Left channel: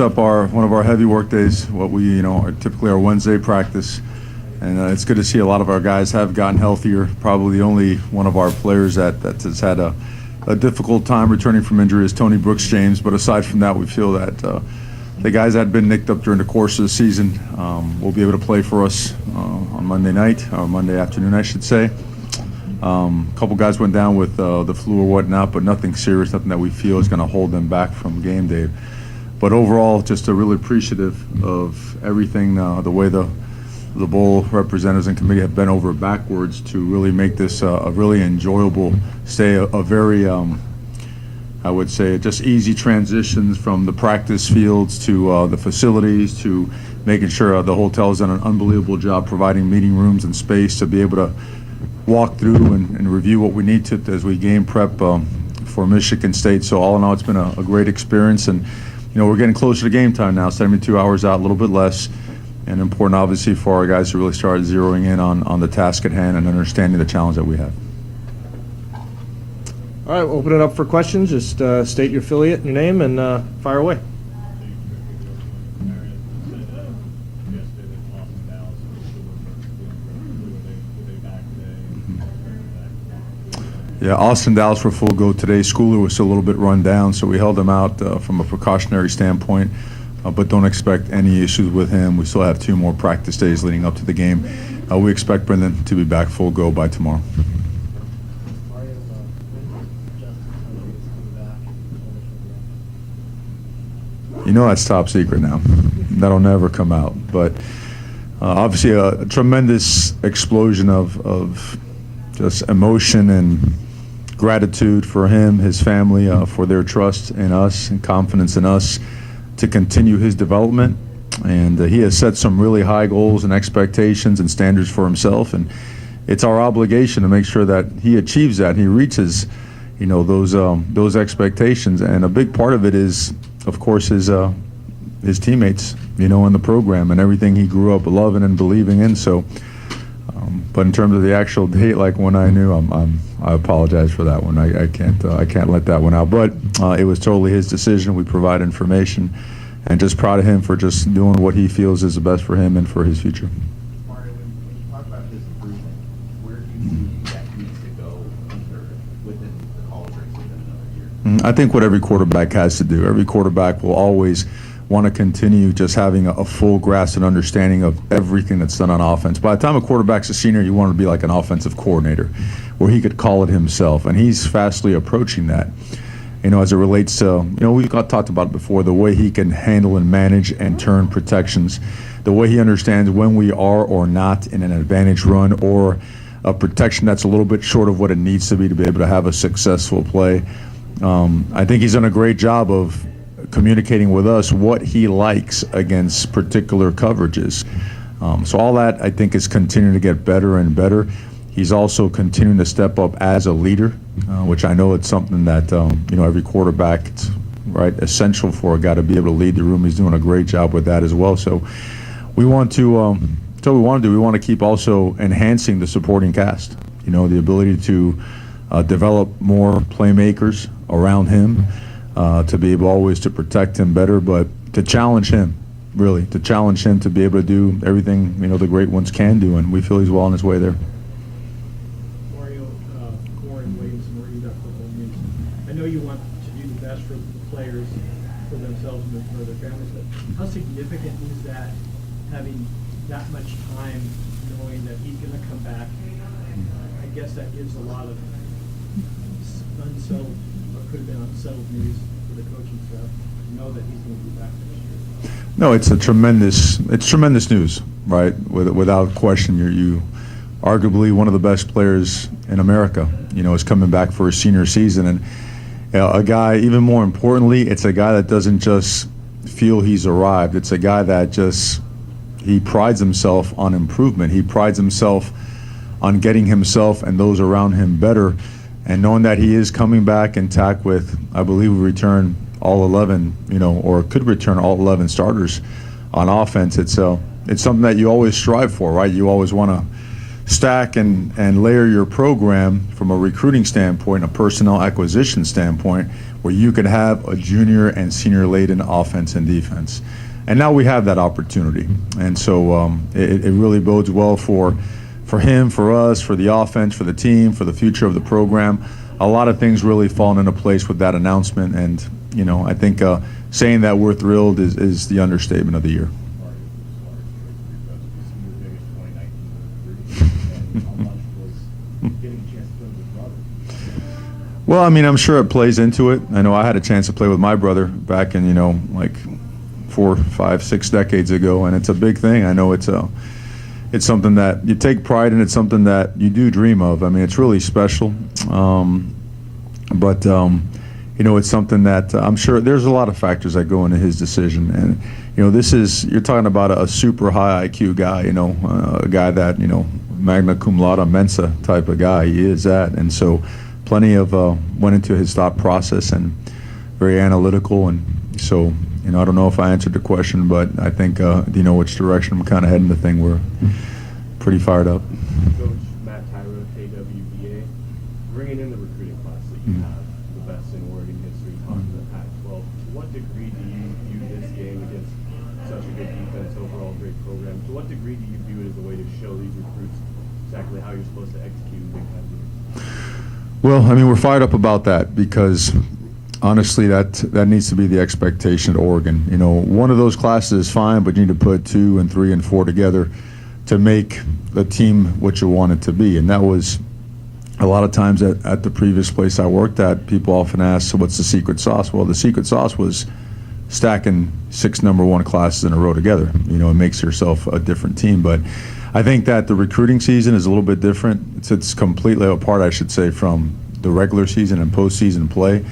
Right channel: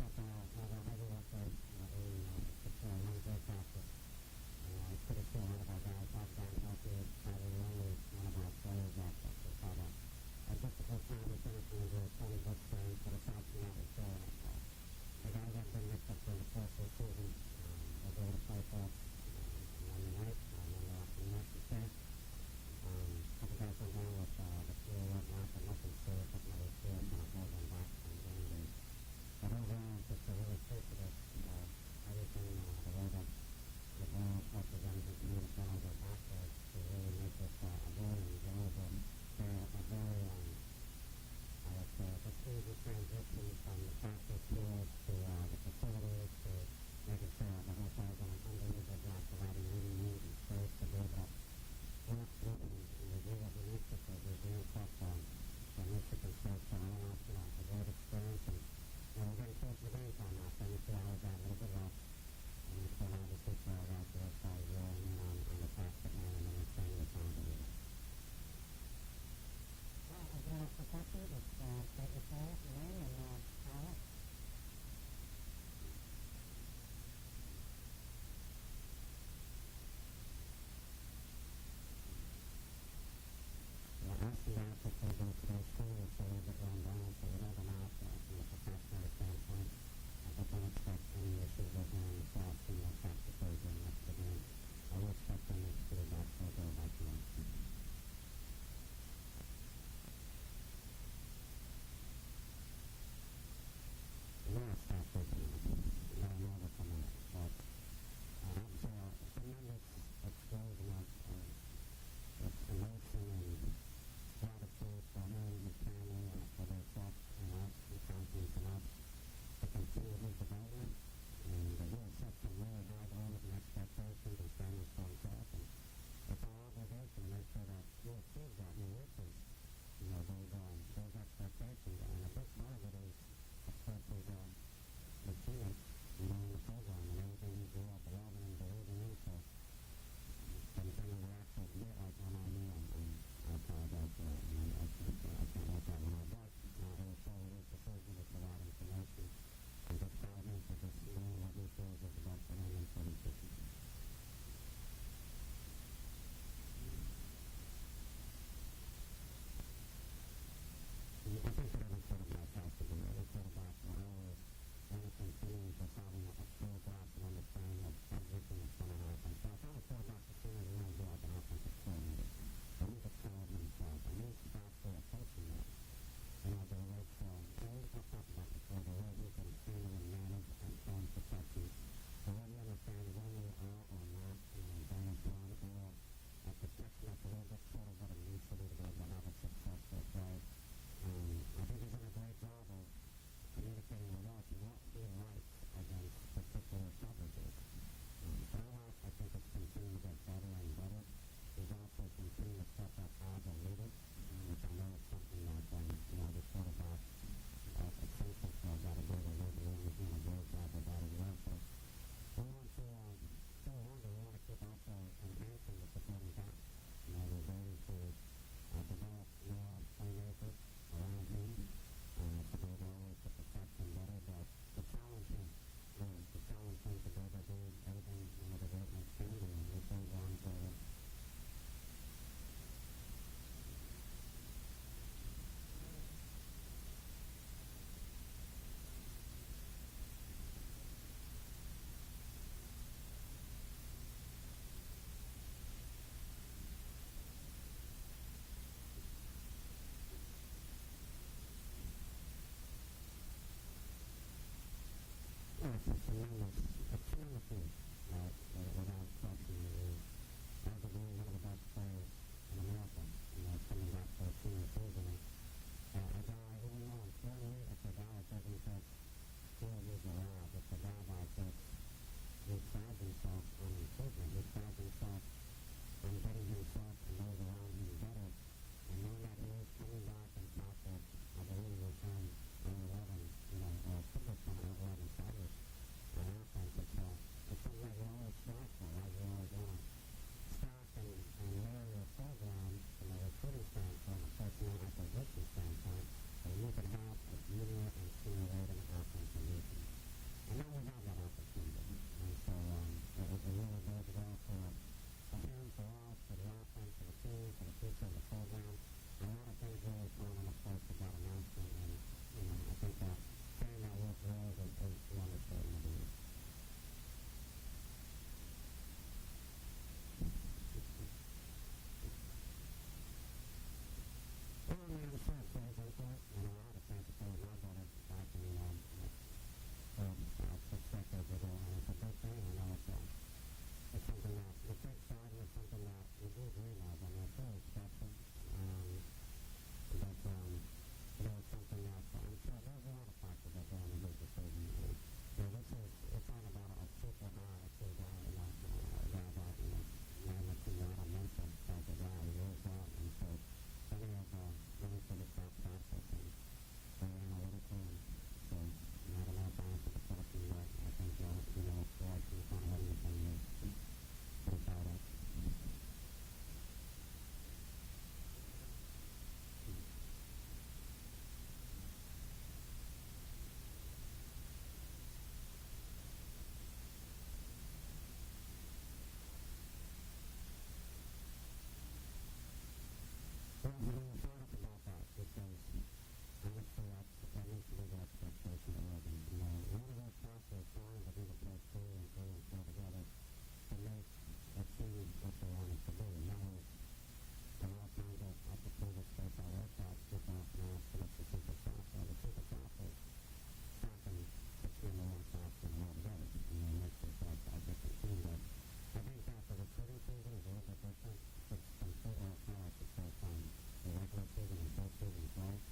Up one of our heavy work days, what we are typically our Wednesday practice, and it's good to see a lot of our guys have gotten healthier. Probably the only one of our players that has had a difficult time returning from injury is Tony Brooks James. But aside from that, we feel that the guys that had been nicked up during the course of the season will be able to play for us on Monday night or Monday afternoon, I should say. A couple guys went down with the flu or whatnot, but nothing serious, nothing that we feel is going to hold them back from game day. But overall, just really appreciative of everything, the way the bowl representatives and committee have bent over backwards to really make this a really enjoyable stay, a very, I would say, just easy transitions from the practice fields to the facilities to making sure the hotel's done an unbelievable job providing meeting rooms and space to be able to walk through and review what we need to as we game prep for Michigan State. So all in all, it's been a great experience, and we're getting closer to game time now, 72 hours out, a little bit less, and important obviously for our guys to really start zeroing in on the task at hand and understanding the challenge that we have. All right, we'll open it up for questions. Just state your affiliate and your name and fire away. Yeah, Austin Dallas were full go today. Schooler was still a little bit run down, so we held him out from a precautionary standpoint, but don't expect any issues with him. We still have 2 more practice days leading up to the game. We expect Brendan to be back full go by tomorrow. That's top secret now. That'll never come out. But obviously a tremendous explosion of just emotion and gratitude for him, his family, for their trust in us and confidence in us to continue his development. And he has set some really high goals and expectations and standards for himself. And it's our obligation to make sure that he achieves that. He reaches, those expectations. And a big part of it is, of course, his teammates, in the program and everything he grew up loving and believing in. So, but in terms of the actual date, like when I knew, I apologize for that one. I can't let that one out. But it was totally his decision. We provide information, and just proud of him for just doing what he feels is the best for him and for his future. Mario, when you talk about his improvement, where do you see that needs to go within the college ranks within another year? I think what every quarterback has to do. Every quarterback will always want to continue just having a full grasp and understanding of everything that's done on offense. By the time a quarterback's a senior, you want to be like an offensive coordinator where he could call it himself, and he's fastly approaching that. As it relates to, we've talked about it before, the way he can handle and manage and turn protections, the way he understands when we are or not in an advantage run or a protection that's a little bit short of what it needs to be able to have a successful play. I think he's done a great job of communicating with us what he likes against particular coverages. So all that, I think, is continuing to get better and better. He's also continuing to step up as a leader, which I know it's something that, every quarterback, it's right, essential for a guy to be able to lead the room. He's doing a great job with that as well. So we want to, we want to keep also enhancing the supporting cast, the ability to develop more playmakers around him, to be able always to protect him better, but to challenge him, really, to challenge him to be able to do everything, the great ones can do, and we feel he's well on his way there. Mario, Warren Williams, Mario Football News. I know you want to do the best for the players, for themselves and for their families, but how significant is that, having that much time, knowing that he's going to come back? I guess that gives a lot of unsettled, what could have been unsettled news for the coaching staff to know that he's going to be back next year. No, it's tremendous news, right? Without question, you arguably one of the best players in America, is coming back for his senior season, and a guy, even more importantly, it's a guy that doesn't just feel he's arrived. It's a guy that he prides himself on improvement. He prides himself on getting himself and those around him better, and knowing that he is coming back intact with, I believe, we return all 11, or could return all 11 starters on offense. It's something that you always strive for, right? You always want to stack and layer your program from a recruiting standpoint, a personnel acquisition standpoint, where you could have a junior and senior laden offense and defense. And now we have that opportunity. And so it really bodes well for him, for us, for the offense, for the team, for the future of the program. A lot of things really falling into place with that announcement. And, you know, I think saying that we're thrilled is the understatement of the year. Well, I mean, I'm sure it plays into it. I know I had a chance to play with my brother back in, you know, like 4, 5, 6 decades ago, and it's a big thing. I know it's something that you take pride in. It's something that you do dream of. I mean, it's really special. But you know, it's something that I'm sure there's a lot of factors that go into his decision. And, you know, you're talking about a super high IQ guy, you know, a guy that, you know, magna cum laude Mensa type of guy. He is that. And so plenty of went into his thought process and very analytical. And so, you know, I don't know if I answered the question, but I think, do you know which direction I'm kind of heading the thing? We're pretty fired up. Coach Matt Tyro, KWBA, bringing in the recruiting class that you have, the best in Oregon history, talking to the Pac-12. To what degree do you view this game against such a good defense, overall great program? To what degree do you view it as a way to show these recruits exactly how you're supposed to execute in big time games? Well, I mean, we're fired up about that because honestly, that needs to be the expectation at Oregon. You know, one of those classes is fine, but you need to put 2 and 3 and 4 together to make the team what you want it to be. And that was a lot of times at the previous place I worked at, people often ask, so what's the secret sauce? Well, the secret sauce was stacking 6 number 1 classes in a row together. You know, it makes yourself a different team. But I think that the recruiting season is a little bit different. It's completely apart, I should say, from the regular season and postseason play.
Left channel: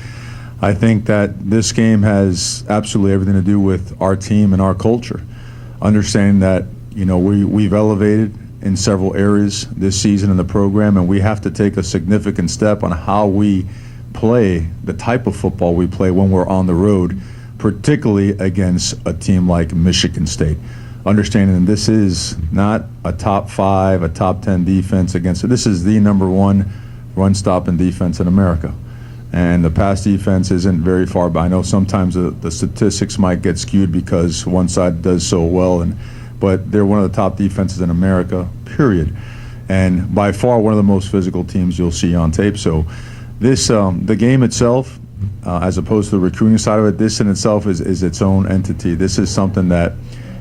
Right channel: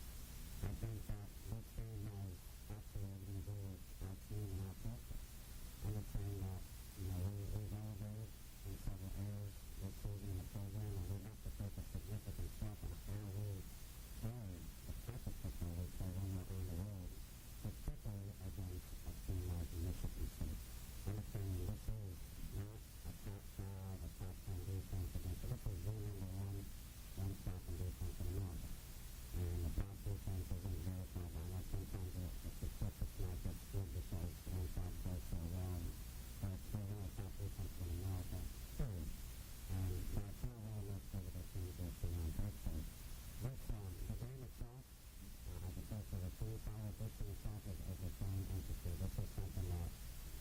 I think that this game has absolutely everything to do with our team and our culture. Understanding that, you know, we've elevated in several areas this season in the program, and we have to take a significant step on how we play, the type of football we play when we're on the road, particularly against a team like Michigan State. Understanding this is not a top 5, a top 10 defense against it. This is the number 1 run-stopping defense in America. And the pass defense isn't very far behind. I know sometimes the statistics might get skewed because one side does so well, but they're one of the top defenses in America, period. And by far one of the most physical teams you'll see on tape. So this, the game itself, as opposed to the recruiting side of it, this in itself is its own entity. This is something that,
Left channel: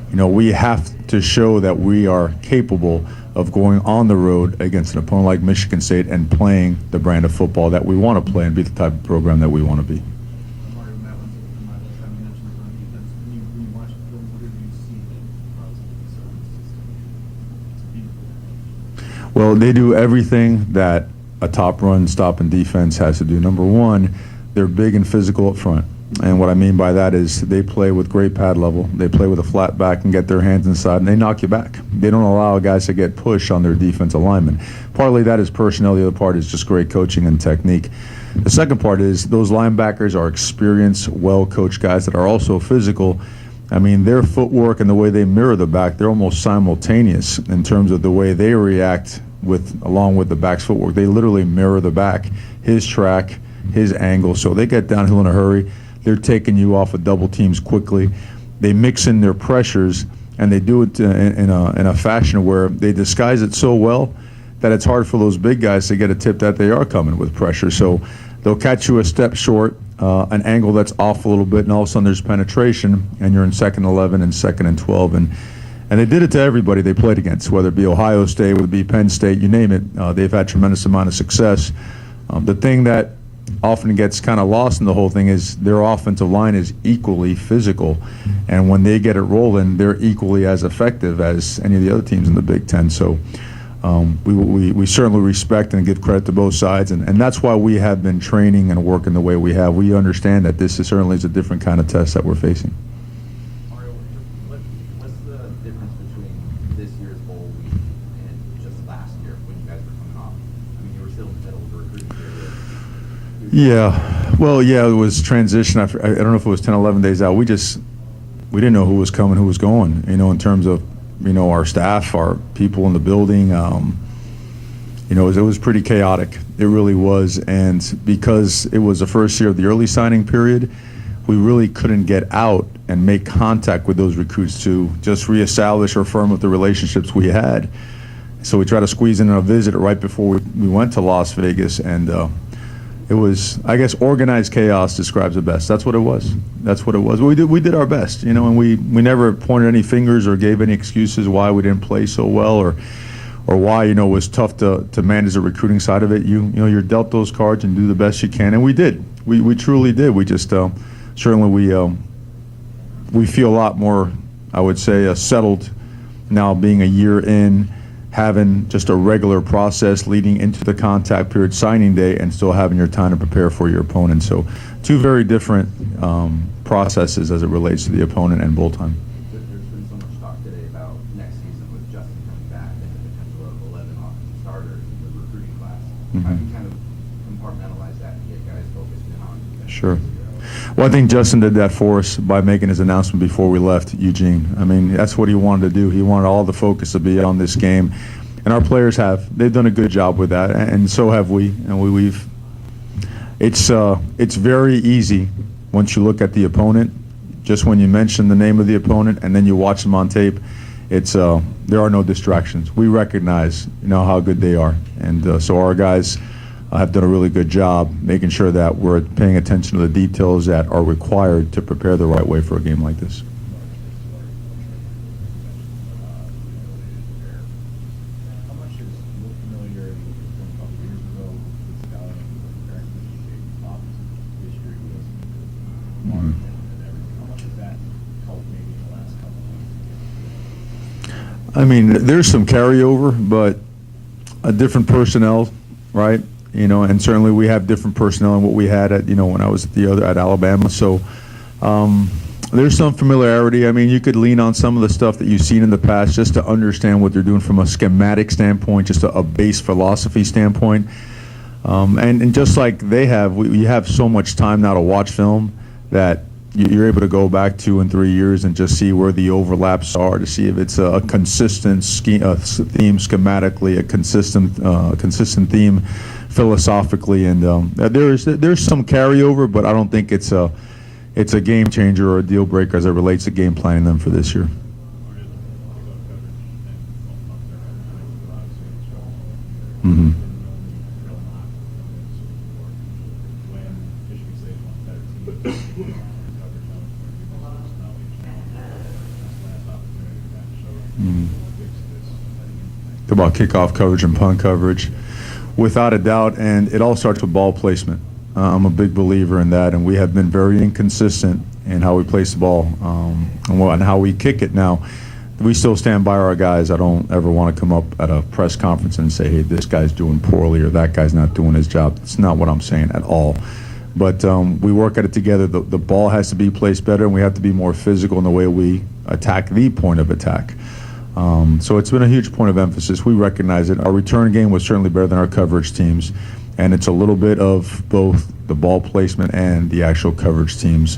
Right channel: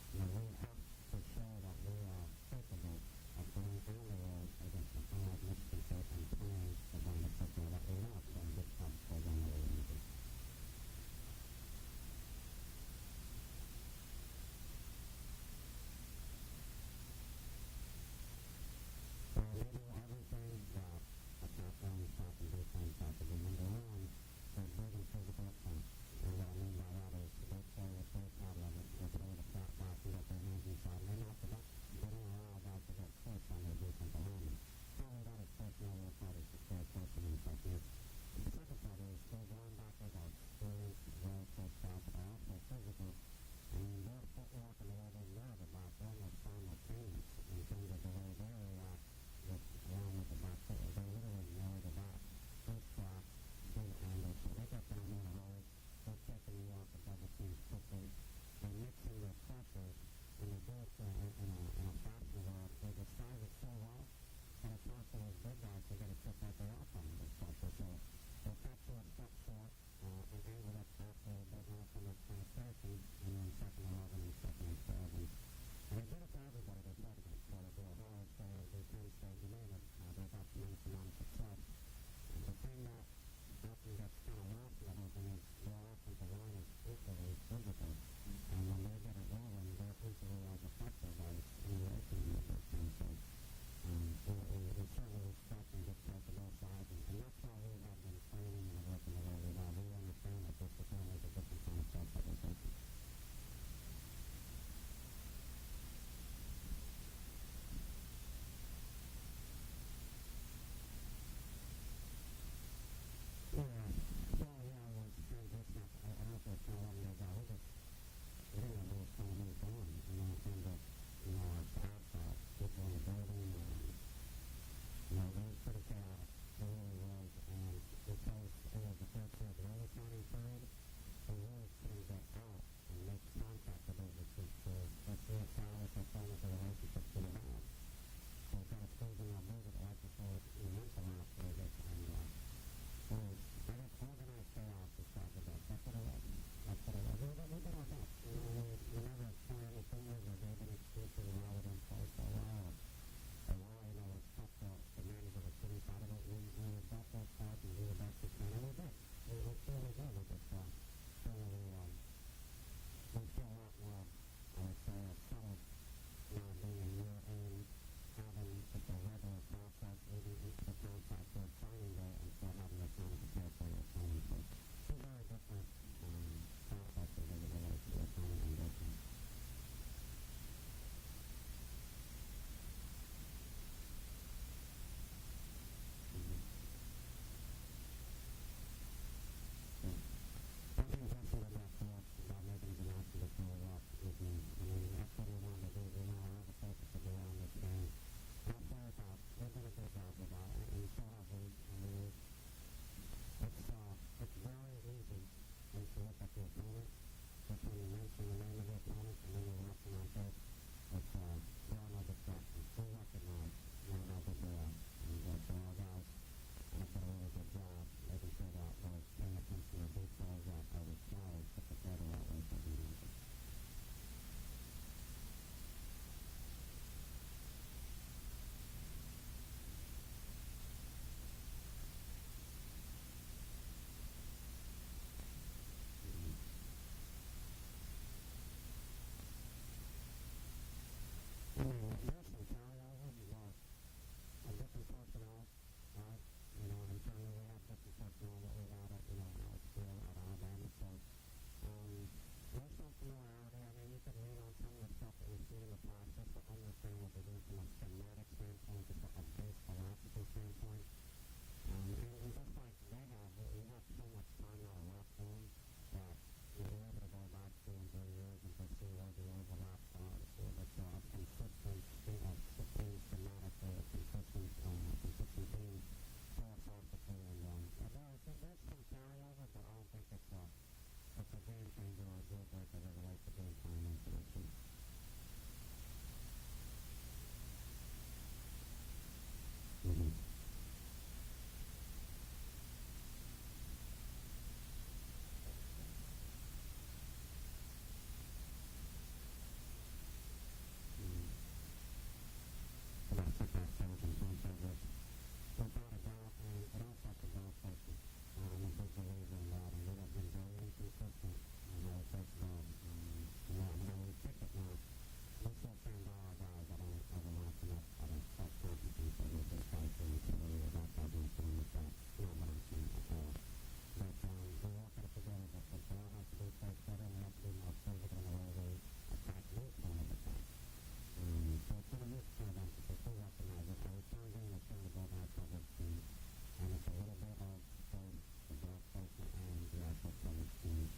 you know, we have to show that we are capable of going on the road against an opponent like Michigan State and playing the brand of football that we want to play and be the type of program that we want to be. Mario, Matt, one thing from my list, I mentioned the run defense. When you watch the film, what do you see that causes the system? Well, they do everything that a top run stopping defense has to do. Number 1, they're big and physical up front. And what I mean by that is they play with great pad level. They play with a flat back and get their hands inside, and they knock you back. They don't allow guys to get pushed on their defensive linemen. Partly that is personnel. The other part is just great coaching and technique. The second part is those linebackers are experienced, well-coached guys that are also physical. I mean, their footwork and the way they mirror the back, they're almost simultaneous in terms of the way they react along with the back's footwork. They literally mirror the back, his track, his angle. So they get downhill in a hurry. They're taking you off of double teams quickly. They mix in their pressures, and they do it in a fashion where they disguise it so well that it's hard for those big guys to get a tip that they are coming with pressure. So they'll catch you a step short, an angle that's off a little bit, and all of a sudden there's penetration, and you're in 2nd 11 and 2nd and 12. And they did it to everybody they played against, whether it be Ohio State, whether it be Penn State, you name it. They've had tremendous amount of success. The thing that often gets kind of lost in the whole thing is their offensive line is equally physical, and when they get it rolling, they're equally as effective as any of the other teams in the Big Ten. So we certainly respect and give credit to both sides, and that's why we have been training and working the way we have. We understand that this certainly is a different kind of test that we're facing. Mario, what's the difference between this year's bowl week and just last year when you guys were coming off? I mean, you were still in the middle of the recruiting period. Yeah, well, yeah, it was transition. I don't know if it was 10, 11 days out. We didn't know who was coming, who was going, you know, in terms of, you know, our staff, our people in the building. You know, it was pretty chaotic. It really was. And because it was the first year of the early signing period, we really couldn't get out and make contact with those recruits to just reestablish or firm up the relationships we had. So we tried to squeeze in a visit right before we went to Las Vegas, and it was, I guess, organized chaos describes it best. That's what it was. That's what it was. We did our best, you know, and we never pointed any fingers or gave any excuses why we didn't play so well or why, you know, it was tough to manage the recruiting side of it. You know, you're dealt those cards and do the best you can, and we did. We truly did. We just certainly we feel a lot more, I would say, settled now being a year in, having just a regular process leading into the contact period, signing day, and still having your time to prepare for your opponent. So two very different processes as it relates to the opponent and bowl time. There's been so much talk today about next season with Justin coming back and the potential of 11 offensive starters in the recruiting class. How do you kind of compartmentalize that and get guys focused in on? Sure. Well, I think Justin did that for us by making his announcement before we left Eugene. I mean, that's what he wanted to do. He wanted all the focus to be on this game, and our players have. They've done a good job with that, and so have we. And we've. It's very easy once you look at the opponent. Just when you mention the name of the opponent and then you watch them on tape, it's there are no distractions. We recognize, you know, how good they are, and so our guys have done a really good job making sure that we're paying attention to the details that are required to prepare the right way for a game like this. How much is familiarity from a couple years ago with scouting and preparing for the shape offensive history with Mark and everything? How much has that helped maybe in the last couple of weeks? I mean, there's some carryover, but a different personnel, right? You know, and certainly we have different personnel than what we had at, you know, when I was at Alabama. So there's some familiarity. I mean, you could lean on some of the stuff that you've seen in the past just to understand what they're doing from a schematic standpoint, just a base philosophy standpoint. And just like they have, we have so much time now to watch film that you're able to go back 2 and 3 years and just see where the overlaps are, to see if it's a consistent theme schematically, a consistent theme philosophically, and there's some carryover, but I don't think it's a game changer or a deal breaker as it relates to game planning them for this year. Mm-hmm. About kickoff coverage and punt coverage, without a doubt, and it all starts with ball placement. I'm a big believer in that, and we have been very inconsistent in how we place the ball and how we kick it. Now, we still stand by our guys. I don't ever want to come up at a press conference and say, hey, this guy's doing poorly or that guy's not doing his job. It's not what I'm saying at all. But we work at it together. The ball has to be placed better, and we have to be more physical in the way we attack the point of attack. So it's been a huge point of emphasis. We recognize it. Our return game was certainly better than our coverage teams, and it's a little bit of both the ball placement and the actual coverage teams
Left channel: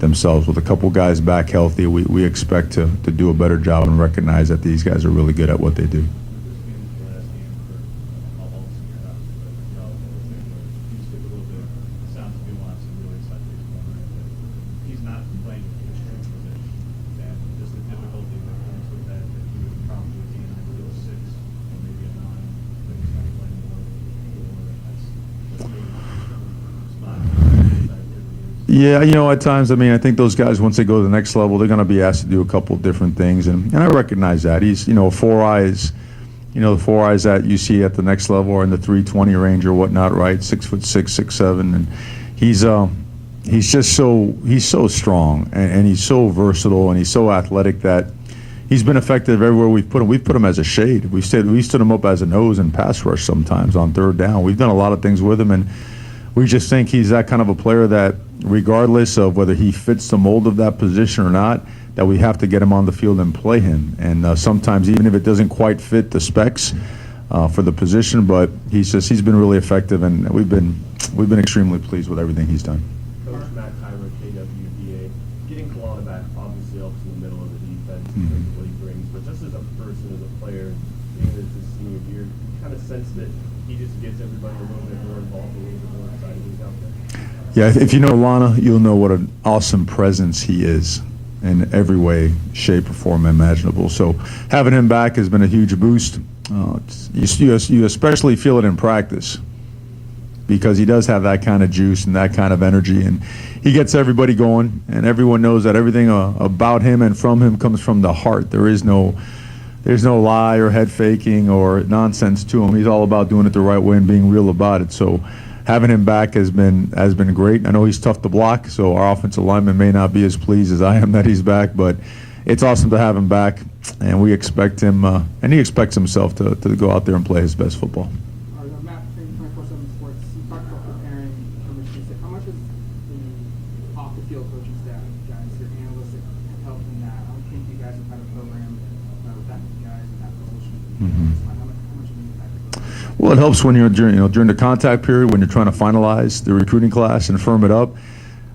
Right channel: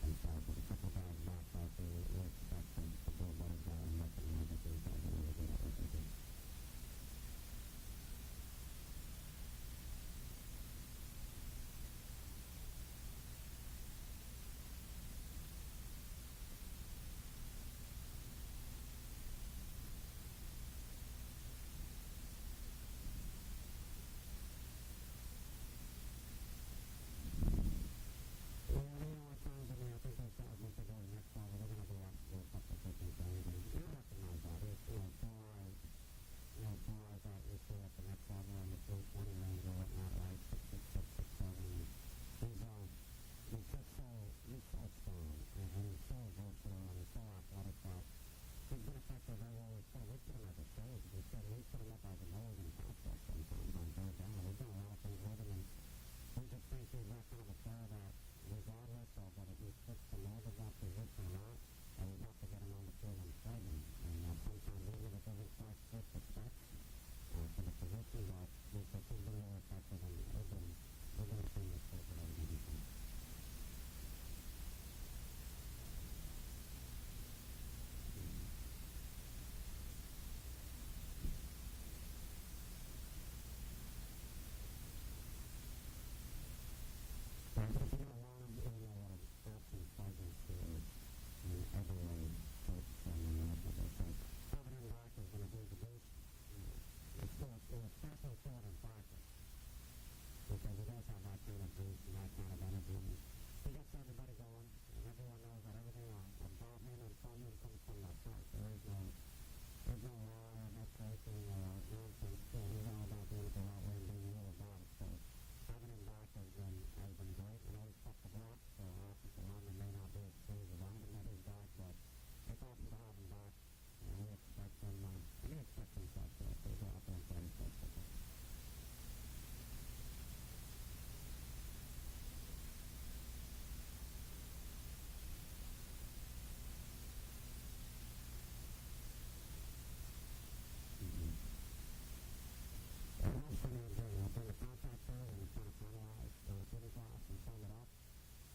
themselves. With a couple guys back healthy, we expect to do a better job and recognize that these guys are really good at what they do. Yeah, you know, at times, I mean, I think those guys, once they go to the next level, they're going to be asked to do a couple of different things, and I recognize that. He's, you know, 4 eyes, you know, the 4 eyes that you see at the next level are in the 320 range or whatnot, right? 6'6", 6'7", and he's just so strong, and he's so versatile, and he's so athletic that he's been effective everywhere we've put him. We've put him as a shade. We stood him up as a nose and pass rush sometimes on third down. We've done a lot of things with him, and we just think he's that kind of a player that, regardless of whether he fits the mold of that position or not, that we have to get him on the field and play him. And sometimes, even if it doesn't quite fit the specs for the position, but he's been really effective, and we've been extremely pleased with everything he's done. Coach Matt Tyler, KWBA, getting Kalana back obviously helps in the middle of the defense in terms of what he brings, but just as a person, as a player, being this senior year, you kind of sense that gets everybody a little bit more involved, a little bit more excited when he's out there? Yeah, if you know Lana, you'll know what an awesome presence he is in every way, shape, or form imaginable. So having him back has been a huge boost. You especially feel it in practice because he does have that kind of juice and that kind of energy, and he gets everybody going, and everyone knows that everything about him and from him comes from the heart. There's no lie or head faking or nonsense to him. He's all about doing it the right way and being real about it. So having him back has been great. I know he's tough to block, so our offensive lineman may not be as pleased as I am that he's back, but it's awesome to have him back, and we expect him, and he expects himself to go out there and play his best football. Matt, thank you 24/7 Sports. You talked about preparing for Michigan State. How much is the off-the-field coaching staff, guys, your analysts have helped in that? I think you guys have had a program with that many guys in that position. How much of an impact? Well, it helps when you're during the contact period, when you're trying to finalize the recruiting class and firm it up.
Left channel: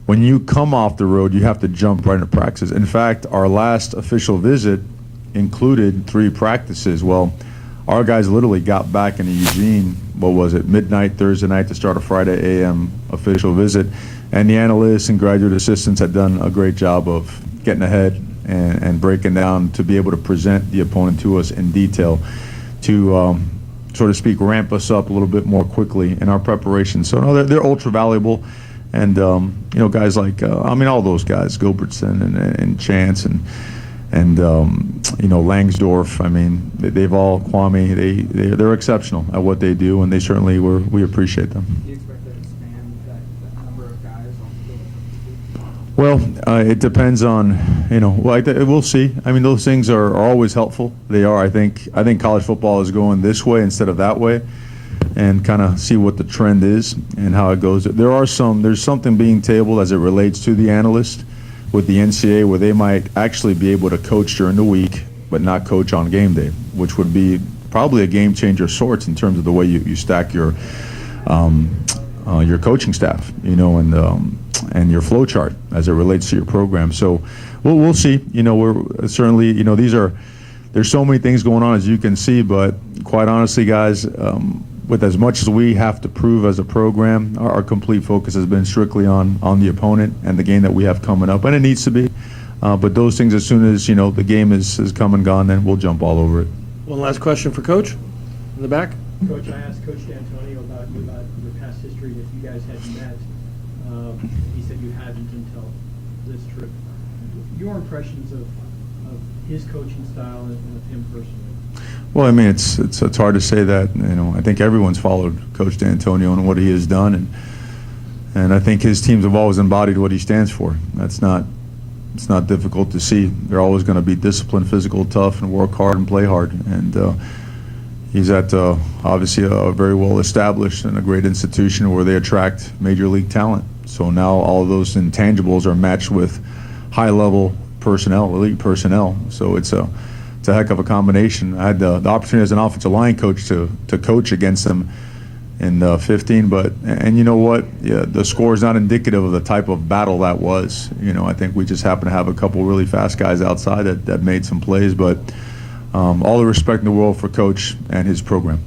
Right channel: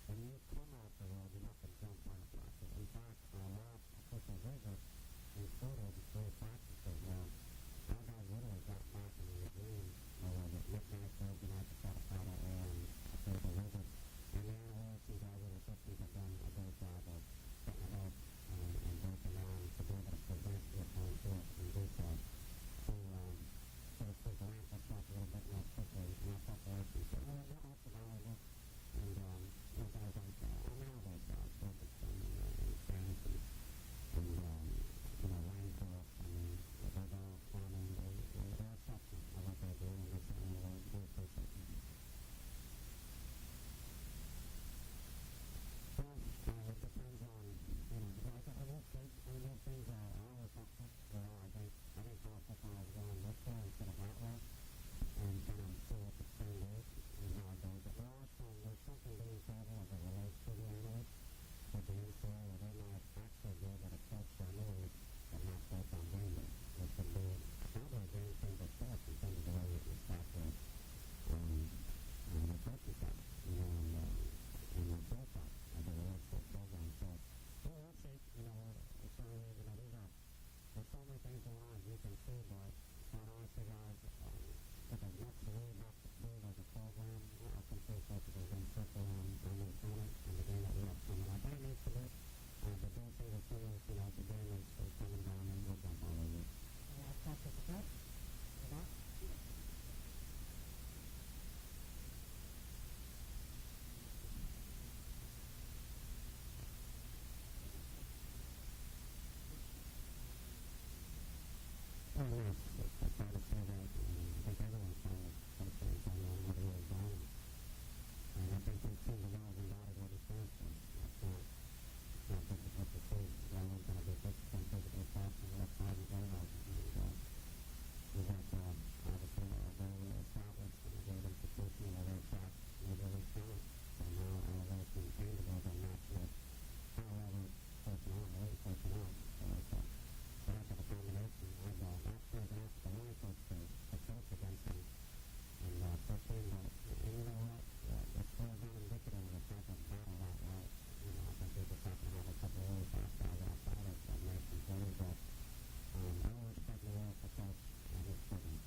When you come off the road, you have to jump right into practices. In fact, our last official visit included 3 practices. Well, our guys literally got back into Eugene, what was it, midnight Thursday night to start a Friday a.m. official visit. And the analysts and graduate assistants had done a great job of getting ahead and breaking down to be able to present the opponent to us in detail to, so to speak, ramp us up a little bit more quickly in our preparation. So no, they're ultra valuable. And guys like all those guys, Gilbertson and Chance and Langsdorf. I mean, they've all Kwame. They're exceptional at what they do, and they certainly we appreciate them. Do you expect to expand that number of guys on the field? Well, it depends on we'll see. I mean, those things are always helpful. They are. I think college football is going this way instead of that way, and kind of see what the trend is and how it goes. There's something being tabled as it relates to the analyst with the NCAA where they might actually be able to coach during the week but not coach on game day, which would be probably a game changer of sorts in terms of the way you stack your coaching staff, and your flow chart as it relates to your program. So we'll see. We're certainly, there's so many things going on, as you can see, but quite honestly, guys, with as much as we have to prove as a program, our complete focus has been strictly on the opponent and the game that we have coming up, and it needs to be. But those things, as soon as the game is come and gone, then we'll jump all over it. One last question for Coach in the back. Coach, I asked Coach D'Antonio about your past history, and if you guys had met. He said you hadn't until this trip. Your impressions of his coaching style and of him personally? Well, I mean, it's hard to say that. I think everyone's followed Coach D'Antonio and what he has done, and I think his teams have always embodied what he stands for. It's not difficult to see. They're always going to be disciplined, physical, tough, and work hard and play hard. And he's at obviously a very well established and a great institution where they attract major league talent. So now all of those intangibles are matched with high level personnel, elite personnel. So it's a heck of a combination. I had the opportunity as an offensive line coach to coach against them in 15, and you know what? Yeah, the score is not indicative of the type of battle that was. I think we just happened to have a couple really fast guys outside that made some plays, but all the respect in the world for Coach and his program.